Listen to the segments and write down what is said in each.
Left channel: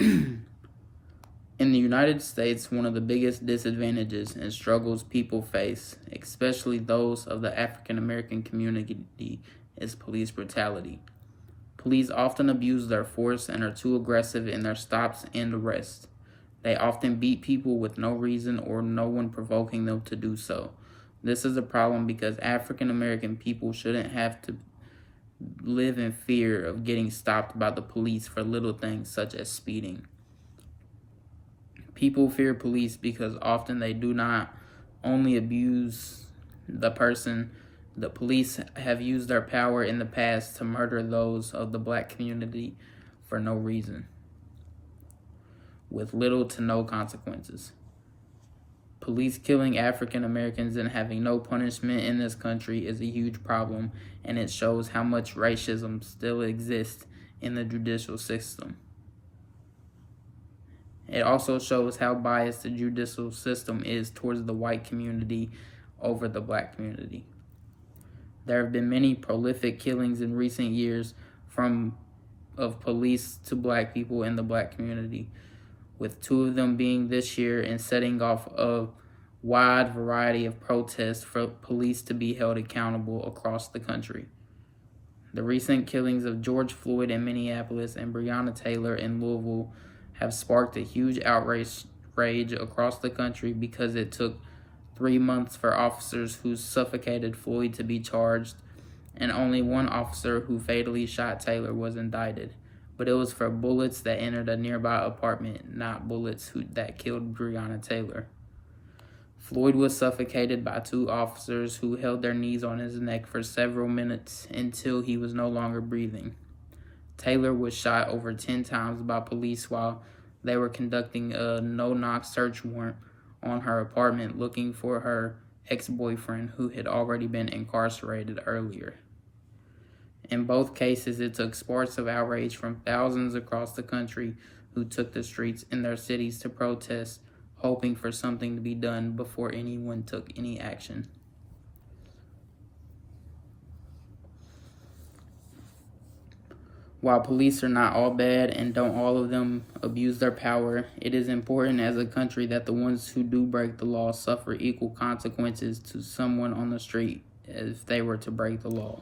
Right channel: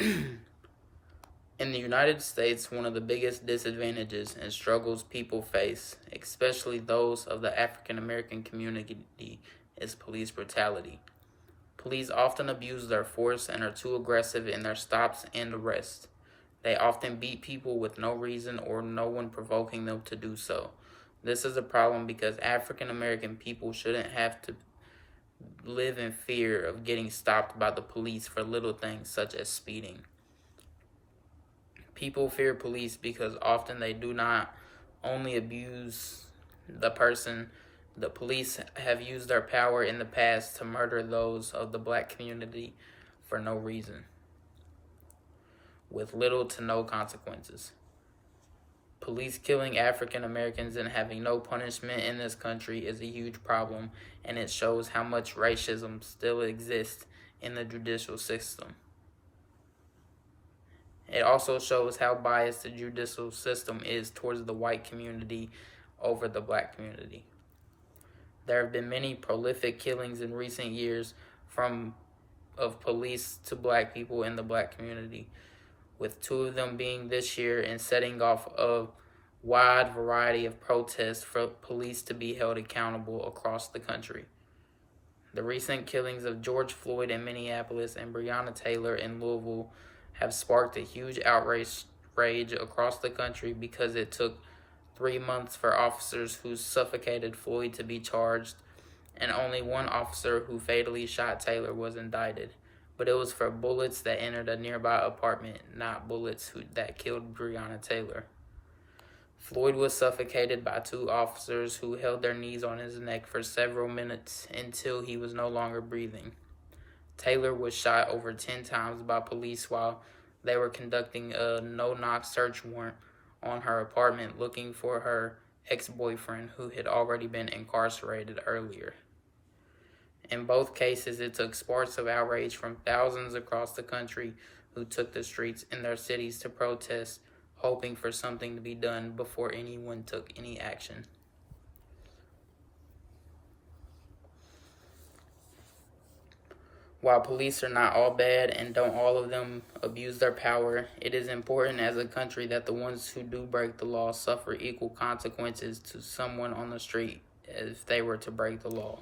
In the United States, one of the biggest disadvantages and struggles people face, especially those of the African American community, is police brutality. Police often abuse their force and are too aggressive in their stops and arrests. They often beat people with no reason or no one provoking them to do so. This is a problem because African American people shouldn't have to live in fear of getting stopped by the police for little things such as speeding. People fear police because often they do not only abuse the person. The police have used their power in the past to murder those of the black community for no reason, with little to no consequences. Police killing African Americans and having no punishment in this country is a huge problem, and it shows how much racism still exists in the judicial system. It also shows how biased the judicial system is towards the white community over the black community. There have been many prolific killings in recent years of police to black people in the black community, with 2 of them being this year and setting off a wide variety of protests for police to be held accountable across the country. The recent killings of George Floyd in Minneapolis and Breonna Taylor in Louisville have sparked a huge outrage across the country because it took 3 months for officers who suffocated Floyd to be charged, and only one officer who fatally shot Taylor was indicted. But it was for bullets that entered a nearby apartment, not bullets that killed Breonna Taylor. Floyd was suffocated by 2 officers who held their knees on his neck for several minutes until he was no longer breathing. Taylor was shot over 10 times by police while they were conducting a no-knock search warrant on her apartment looking for her ex-boyfriend who had already been incarcerated earlier. In both cases, it took sparks of outrage from thousands across the country who took the streets in their cities to protest, hoping for something to be done before anyone took any action. While police are not all bad and don't all of them abuse their power, it is important as a country that the ones who do break the law suffer equal consequences to someone on the street if they were to break the law.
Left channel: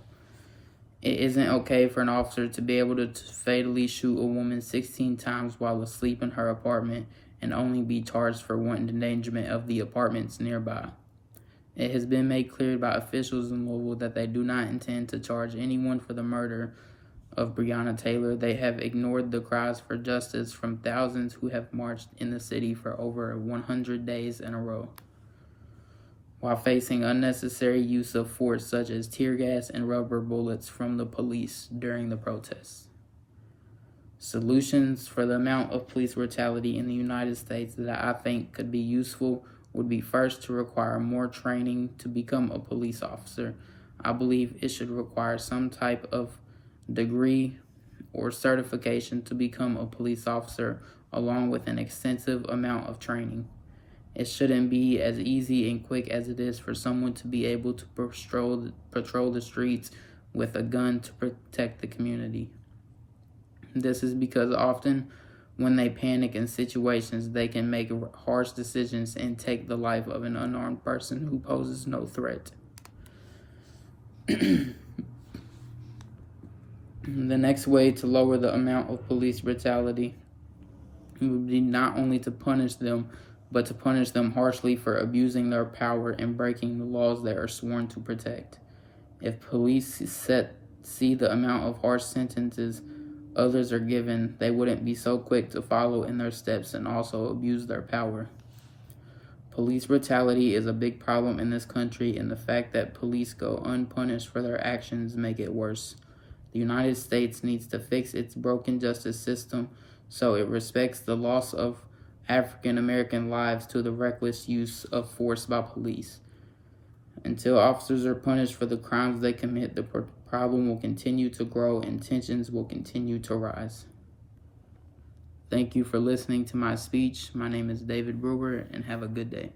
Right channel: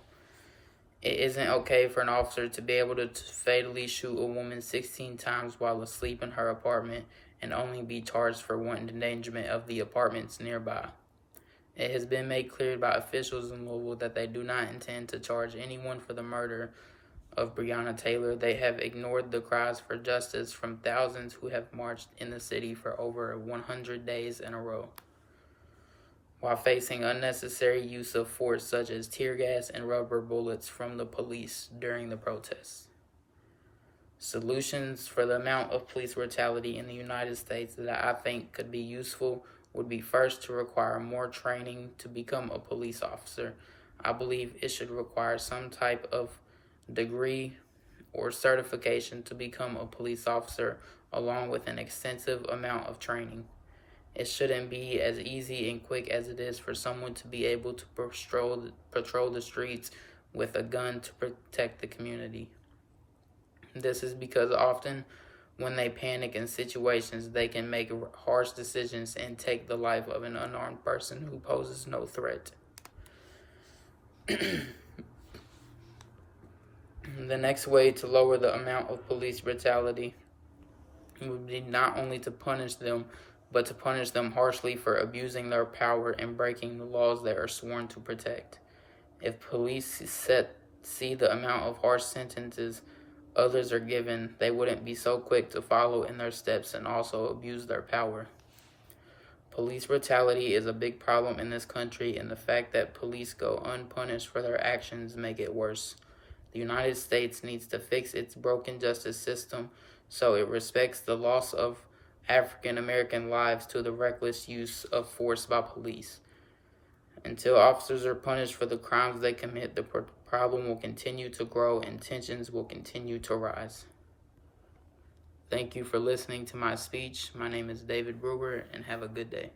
It isn't okay for an officer to be able to fatally shoot a woman 16 times while asleep in her apartment and only be charged for wanton endangerment of the apartments nearby. It has been made clear by officials in Louisville that they do not intend to charge anyone for the murder of Breonna Taylor. They have ignored the cries for justice from thousands who have marched in the city for over 100 days in a row, while facing unnecessary use of force such as tear gas and rubber bullets from the police during the protests. Solutions for the amount of police brutality in the United States that I think could be useful would be first to require more training to become a police officer. I believe it should require some type of degree or certification to become a police officer, along with an extensive amount of training. It shouldn't be as easy and quick as it is for someone to be able to patrol the streets with a gun to protect the community. This is because often when they panic in situations, they can make harsh decisions and take the life of an unarmed person who poses no threat. The next way to lower the amount of police brutality would be not only to punish them, but to punish them harshly for abusing their power and breaking the laws they are sworn to protect. If police see the amount of harsh sentences others are given, they wouldn't be so quick to follow in their steps and also abuse their power. Police brutality is a big problem in this country, and the fact that police go unpunished for their actions make it worse. The United States needs to fix its broken justice system so it respects the loss of African American lives to the reckless use of force by police. Until officers are punished for the crimes they commit, the problem will continue to grow and tensions will continue to rise. Thank you for listening to my speech. My name is David Brewer, and have a good day.